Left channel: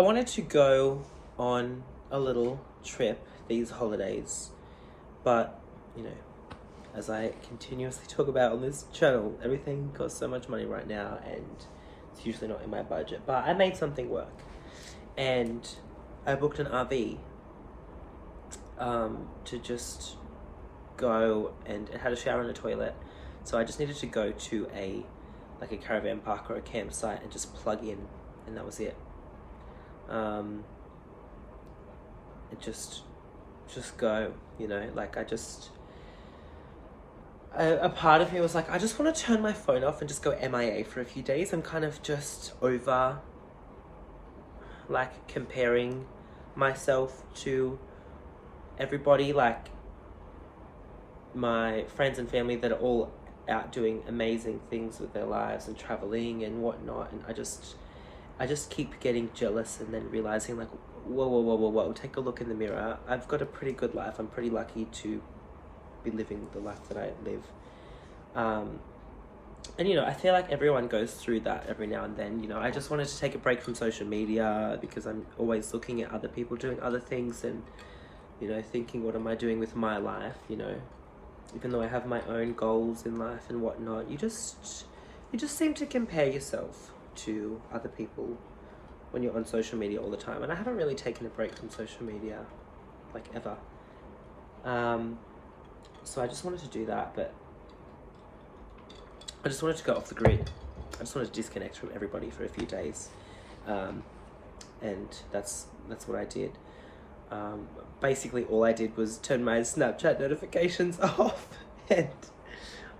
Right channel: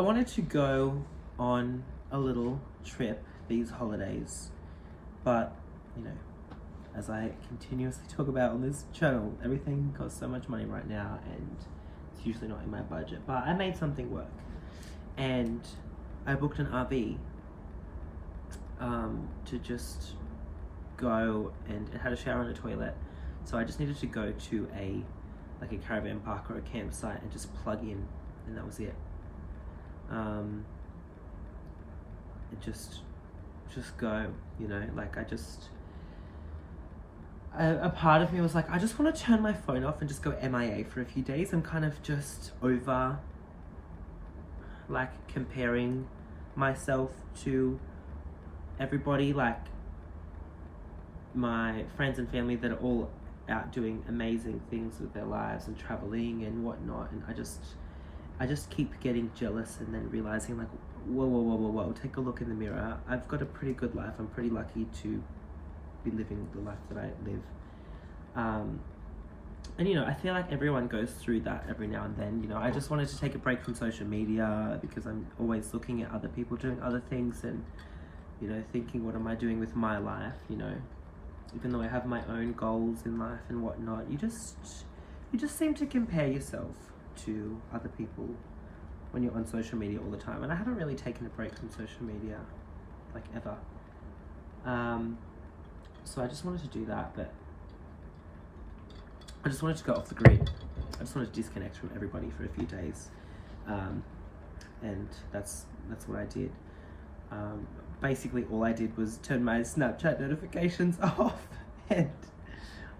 I wanted to go on a little trip these holidays, but you know, as I continuously talk about on this channel, everything costs so much money right now and it's usually not in my budget. But I made something work and I booked an RV to just go, and it had a shower and a toilet. So I just needed to go to a caravan park or a campsite and just plug in, and that was it. It just go, you know, like a part of me was like, I just want to turn my phone off and just go MIA for a few days. I'm kind of just over like comparing myself to everybody, like my friends and family that are all out doing amazing things with their lives and traveling and whatnot, and I just keep getting jealous and then realizing like, whoa, take a look in the mirror. I've got a pretty good life. I'm pretty lucky to be living the life that I live. And you know, I feel like everyone goes through that every now and then. You know, I just wanted to take a break from social media because I'm always looking at other people doing other things and, you know, thinking, what am I doing with my life? You know, even though I have my own goals in life and whatnot, you just seem to compare yourself to other people when you're on social media all the time. And I haven't really taken a break from social media, like ever. So I just wanted to do that, but I just wanted to go off the grid. I just wanted to disconnect from everybody for a few days. And that's what I did. Basically all I did was turn my Snapchat notifications off, and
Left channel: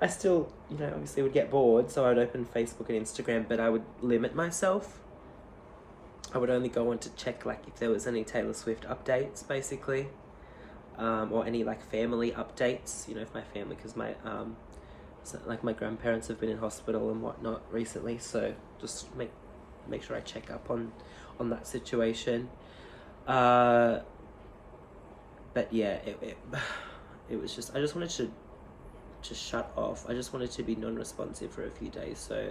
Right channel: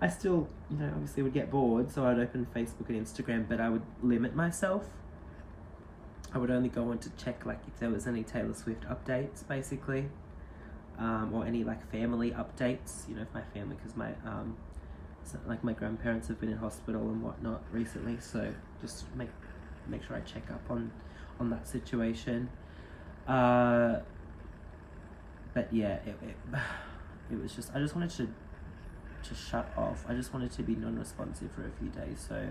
I still, you know, obviously would get bored, so I would open Facebook and Instagram, but I would limit myself. I would only go on to check like if there was any Taylor Swift updates, basically, or any like family updates, you know, if my family, because my so, like my grandparents have been in hospital and whatnot recently, so just make sure I check up on that situation. But yeah, it was just, I just wanted to shut off. I just wanted to be non-responsive for a few days. So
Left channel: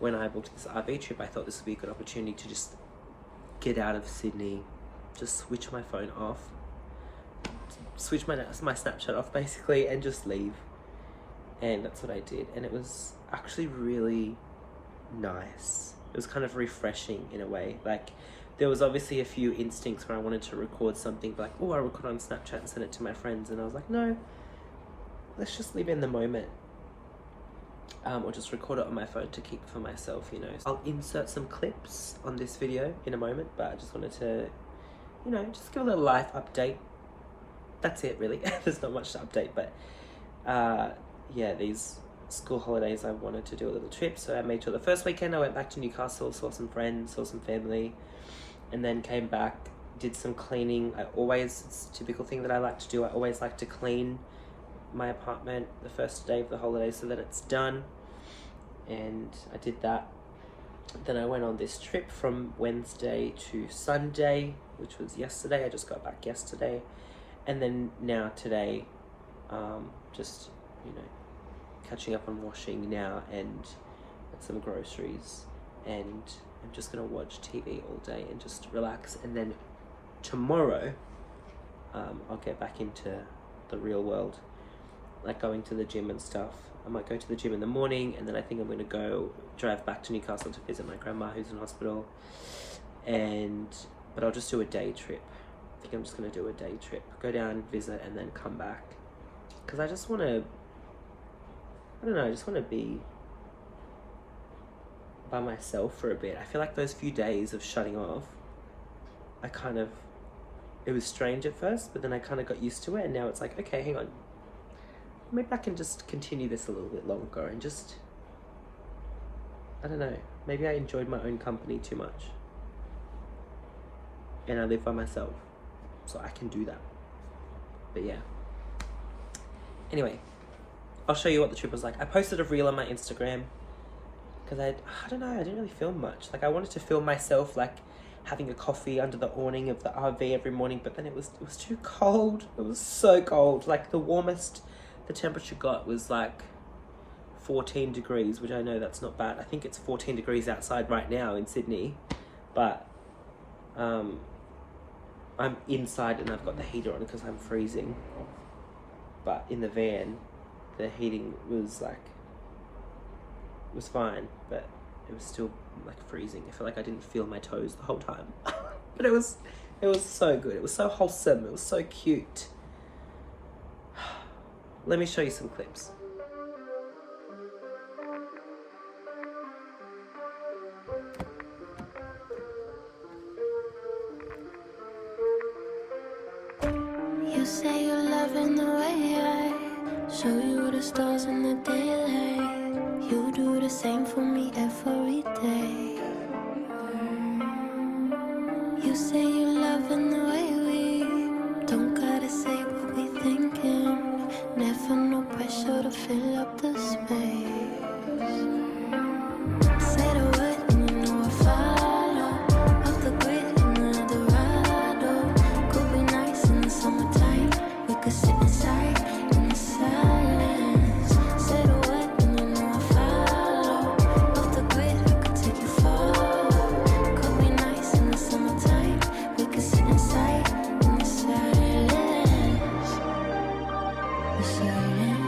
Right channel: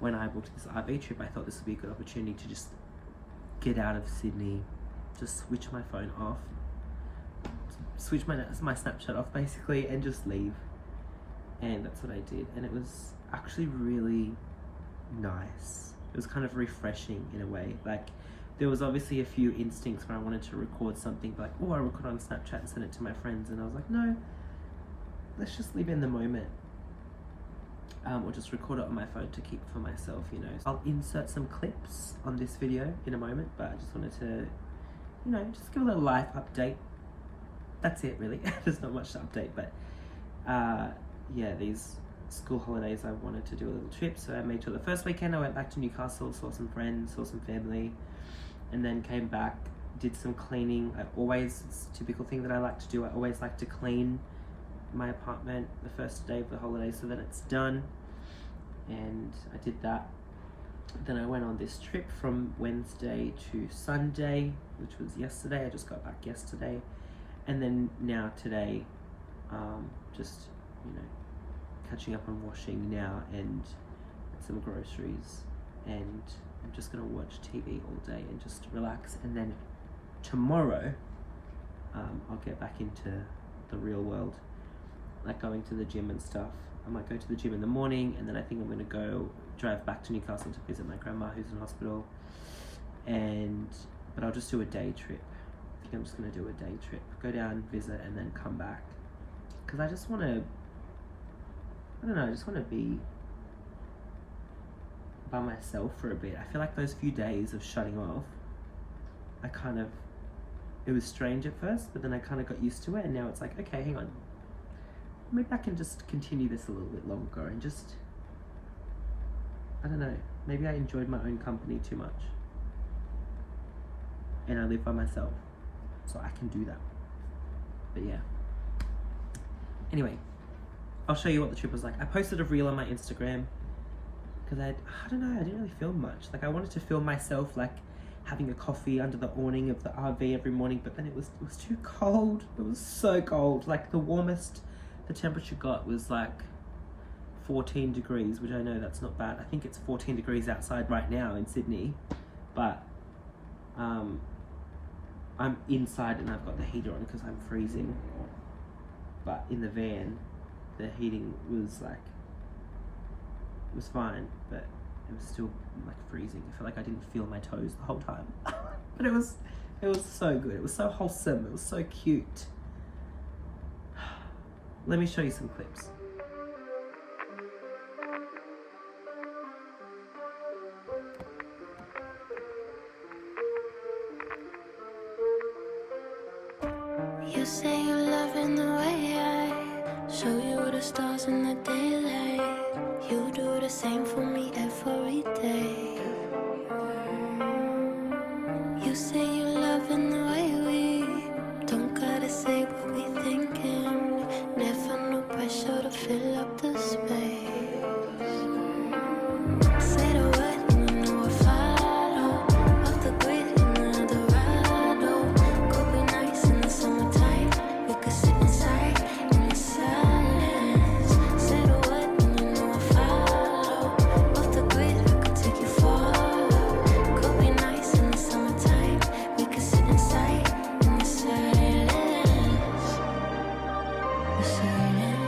when I booked this RV trip, I thought this would be a good opportunity to just get out of Sydney, just switch my phone off, switch my Snapchat off basically, and just leave. And that's what I did, and it was actually really nice. It was kind of refreshing in a way. Like, there was obviously a few instincts where I wanted to record something, like, oh, I record on Snapchat and send it to my friends, and I was like, no, let's just live in the moment. Or just record it on my phone to keep for myself, you know. I'll insert some clips on this video in a moment, but I just wanted to, you know, just give a little life update. That's it, really. There's not much to update, but yeah, these school holidays I wanted to do a little trip, so I made sure the first weekend I went back to Newcastle, saw some friends, saw some family, and then came back, did some cleaning. It's a typical thing that I like to do. I always like to clean my apartment the first day of the holiday so that it's done, and I did that. Then I went on this trip from Wednesday to Sunday, which was yesterday. I just got back yesterday, and then now today, just, you know, catching up on washing now and some groceries, and I'm just gonna watch TV all day and just relax. And then tomorrow I'll get back into the real world, like going to the gym and stuff. I might go to the gym in the morning, and then I think I'm gonna go drive back to Newcastle to visit my grandma who's in hospital, but I'll just do a day trip. I think I'm just gonna do a day trip, go down, visit, and then come back, because I just want to, I don't know, I just want to be by myself for a bit. I feel like those few days of shutting off, it was strange at first, but then I kind of got used to it, and now it's like, okay, hang on, maybe I can just continue this a little bit longer and just, I don't know, maybe I enjoyed my own company too much, and I live by myself, so I can do that. But yeah, anyway, I'll show you what the trip was like. I posted a reel on my Instagram because I don't know, I didn't really film much. Like, I wanted to film myself like having a coffee under the awning of the RV every morning, but then it was too cold. It was so cold. Like, the warmest the temperature got was like 14 degrees, which I know that's not bad. I think it's 14 degrees outside right now in Sydney, but I'm inside and I've got the heater on because I'm freezing. But in the van, the heating was like, it was fine, but it was still like freezing. I feel like I didn't feel my toes the whole time. But it was so good. It was so wholesome. It was so cute. Let me show you some clips. You say you're loving the way I show you the stars in the daylight. You do the same for me every day. You say you're loving the way we don't gotta say what we thinking. Never no pressure to fill up the space. Say the word and you know I follow. Off the grid in another ride. Could be nice in the summertime. We could sit inside in the silence. Say the word and you know I follow. Off the grid I could take you far. Could be nice in the summertime. We could sit inside in the silence. The silence.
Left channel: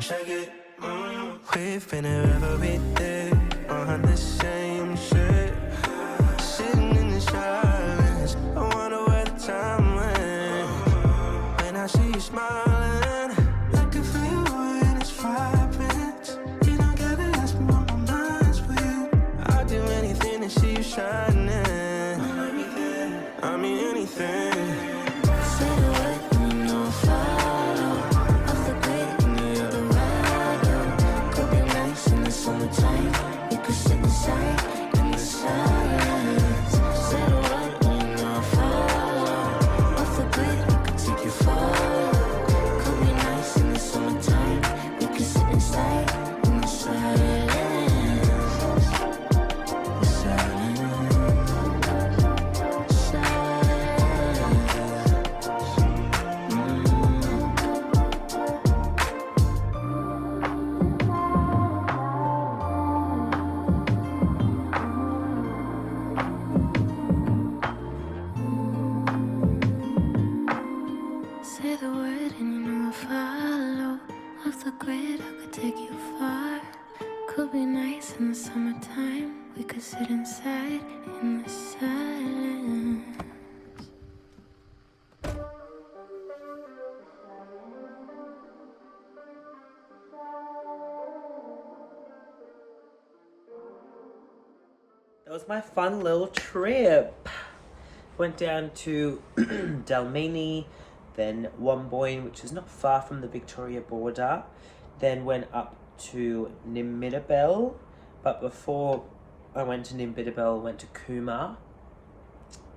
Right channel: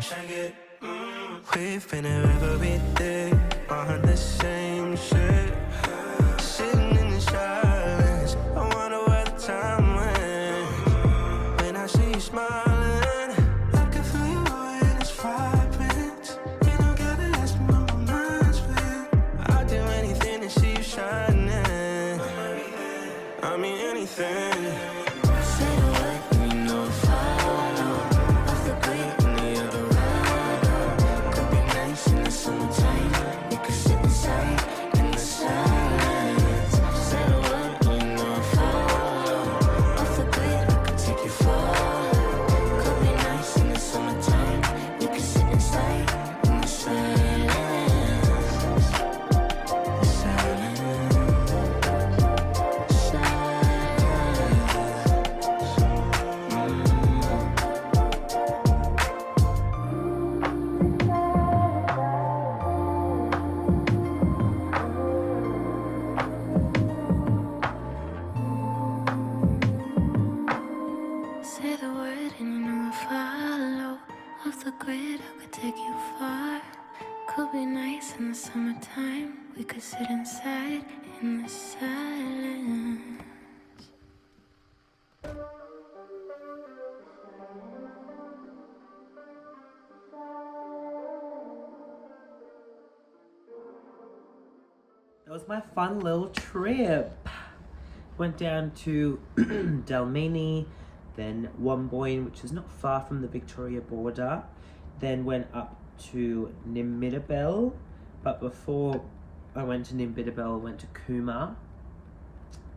Check it. We've been here every day behind the same shit. Sitting in the silence. I wonder where the time went. When I see you smiling, I can feel you and it's vibrant. You don't gotta ask me what my mind's with. I'd do anything to see you shining. I mean anything. Say the word and you know I follow. Off the grid in the other ride. Could be nice in the summertime. We could sit inside in the silence. Say the word and you know I follow. Off the grid I could take you far. Could be nice in the summertime. We could sit inside in the silence. The silence. Say the word and you know I follow. Off the grid, I could take you far. Could be nice in the summertime. We could sit inside in the silence. That was my fun little trip. Went down to Dalmini, then Womboyne, which is not far from the Victoria border. Then went up to Nimbidabel. But before I went to Nimbidabel, I went to Cooma,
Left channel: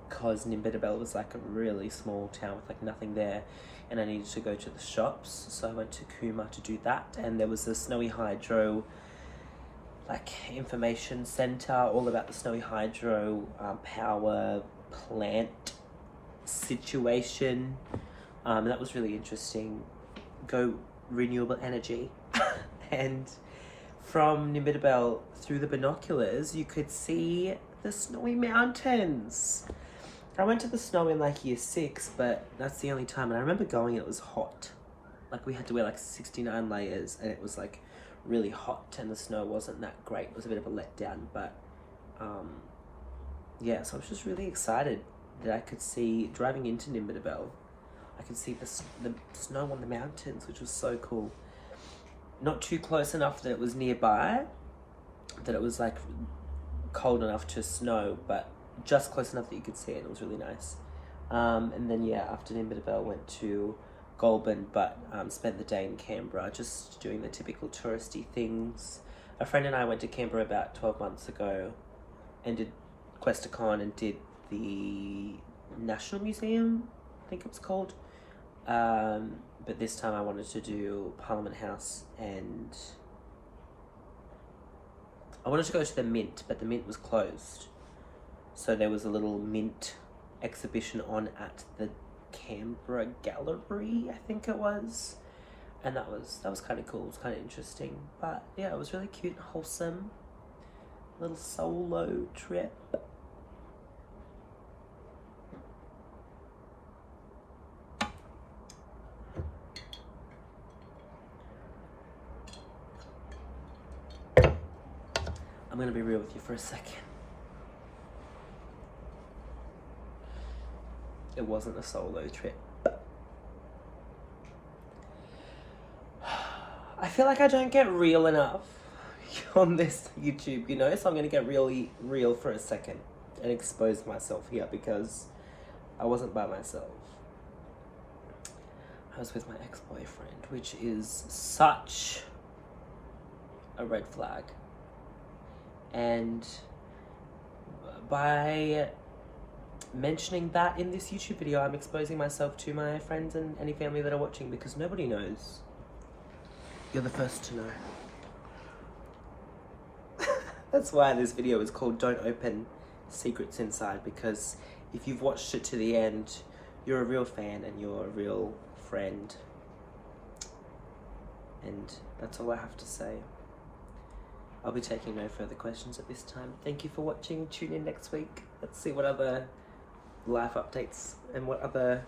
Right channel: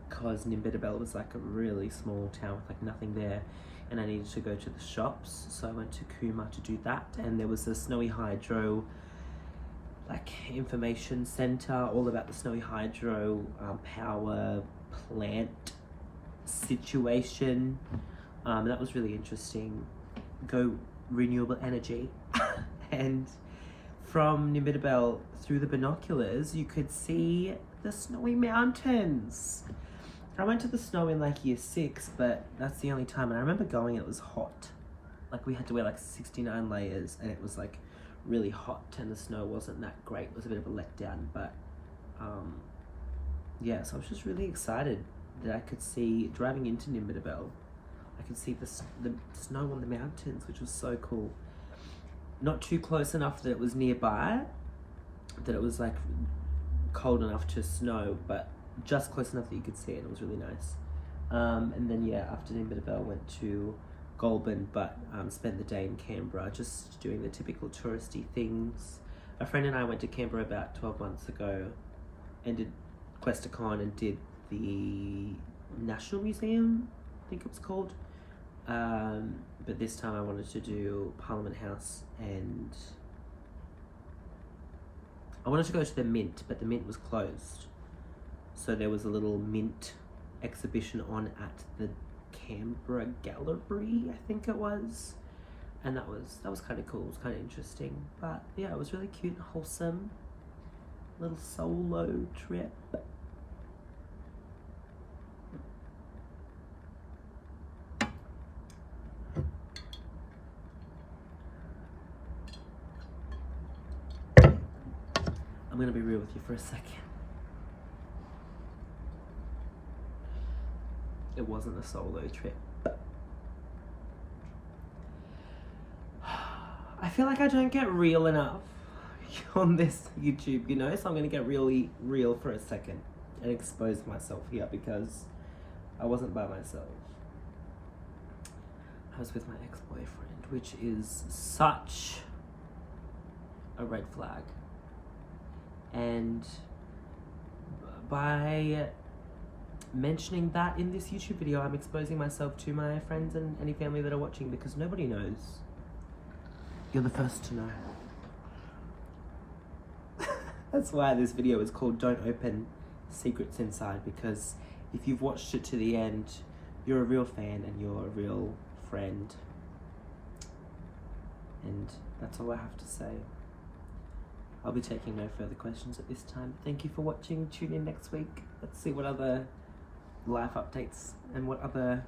because Nimbidabel was like a really small town with like nothing there, and I needed to go to the shops. So I went to Cooma to do that, and there was a Snowy Hydro like information center all about the Snowy Hydro power plant situation. That was really interesting. Go renewable energy. And from Nimbidabel, through the binoculars, you could see the Snowy Mountains. I went to the snow in like year 6, but that's the only time. And I remember going, it was hot. Like we had to wear like 69 layers, and it was like really hot, and the snow wasn't that great. It was a bit of a letdown, but yeah, so I was just really excited that I could see, driving into Nimbidabel, I could see the snow on the mountains, which was so cool. Not too close enough that it was nearby, that it was like cold enough to snow, but just close enough that you could see it, and it was really nice. And then yeah, after Nimbidabel, went to Goulburn, but spent the day in Canberra just doing the typical touristy things. A friend and I went to Canberra about 12 months ago and did Questacon and did the National Museum, I think it was called. But this time I wanted to do Parliament House, and I wanted to go to the Mint, but the Mint was closed. So there was a little Mint exhibition on at the Canberra Gallery, I think it was. And that was kind of cool. It was kind of interesting. But yeah, it was really cute and wholesome. Little solo trip. I'm gonna be real with you for a second. It wasn't a solo trip. I feel like I don't get real enough on this YouTube, you know? So I'm gonna get really real for a second and expose myself here because I wasn't by myself. I was with my ex-boyfriend, which is such a red flag. And by mentioning that in this YouTube video, I'm exposing myself to my friends and any family that are watching because nobody knows. You're the first to know. That's why this video is called Don't Open Secrets Inside, because if you've watched it to the end, you're a real fan and you're a real friend. And that's all I have to say. I'll be taking no further questions at this time. Thank you for watching. Tune in next week. Let's see what other life updates and what other...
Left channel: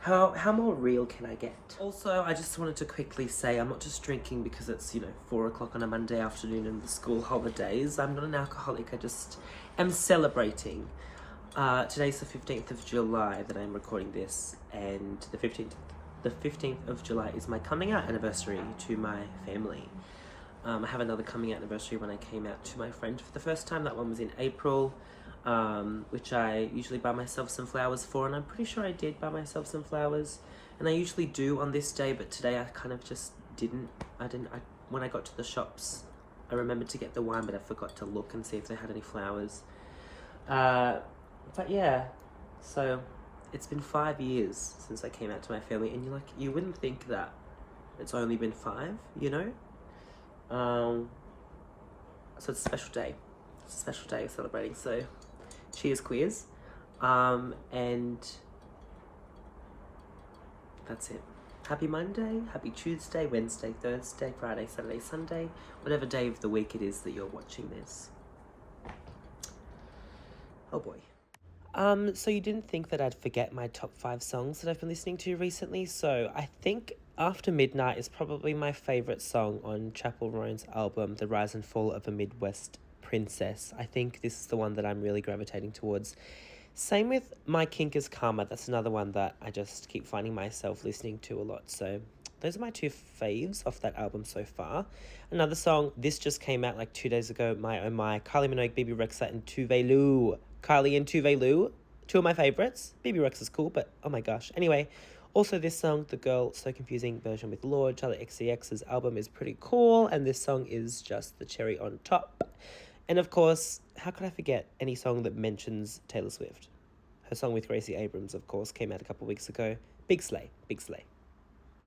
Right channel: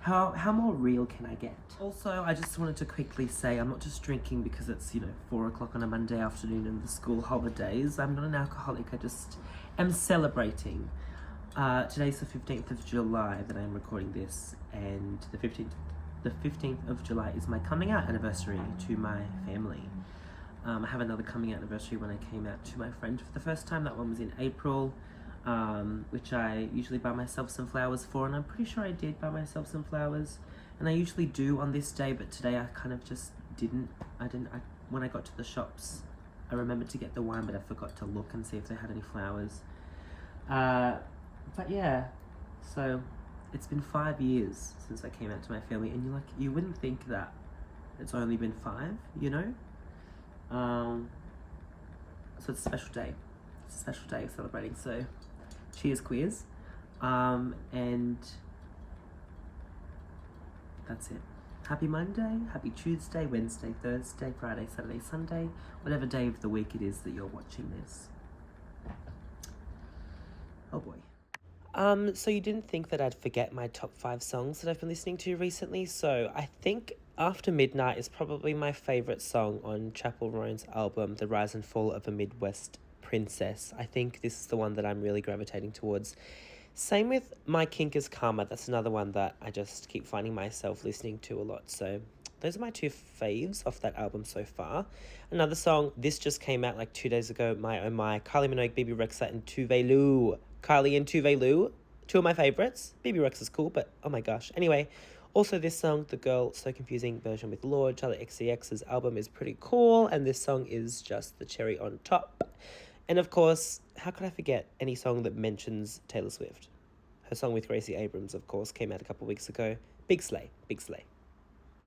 How more real can I get? Also, I just wanted to quickly say I'm not just drinking because it's, 4 o'clock on a Monday afternoon and the school holidays. I'm not an alcoholic. I just am celebrating. Today's the 15th of July that I'm recording this, and the 15th of July is my coming out anniversary to my family. I have another coming out anniversary when I came out to my friend for the first time. That one was in April, which I usually buy myself some flowers for, and I'm pretty sure I did buy myself some flowers. And I usually do on this day, but today I kind of just didn't. When I got to the shops, I remembered to get the wine, but I forgot to look and see if they had any flowers. But yeah, so it's been 5 years since I came out to my family, and you wouldn't think that it's only been 5, So it's a special day. It's a special day of celebrating. So cheers, queers. And that's it. Happy Monday, happy Tuesday, Wednesday, Thursday, Friday, Saturday, Sunday, whatever day of the week it is that you're watching this. Oh boy. So you didn't think that I'd forget my top 5 songs that I've been listening to recently? So I think After Midnight is probably my favourite song on Chappell Roan's album, The Rise and Fall of a Midwest Princess. I think this is the one that I'm really gravitating towards. Same with My Kink is Karma. That's another one that I just keep finding myself listening to a lot. So those are my 2 faves off that album so far. Another song, this just came out like 2 days ago, My Oh My, Kylie Minogue, Bebe Rexha, and Tove Lo. Kylie and Tove Lo, 2 of my favourites. Bebe Rexha is cool, but oh my gosh. Anyway, also this song, The Girl So Confusing version with Lorde, Charli XCX's album is pretty cool, and this song is just the cherry on top. And of course, how could I forget any song that mentions Taylor Swift? Her song with Gracie Abrams, of course, came out a couple of weeks ago. Big Slay, Big Slay.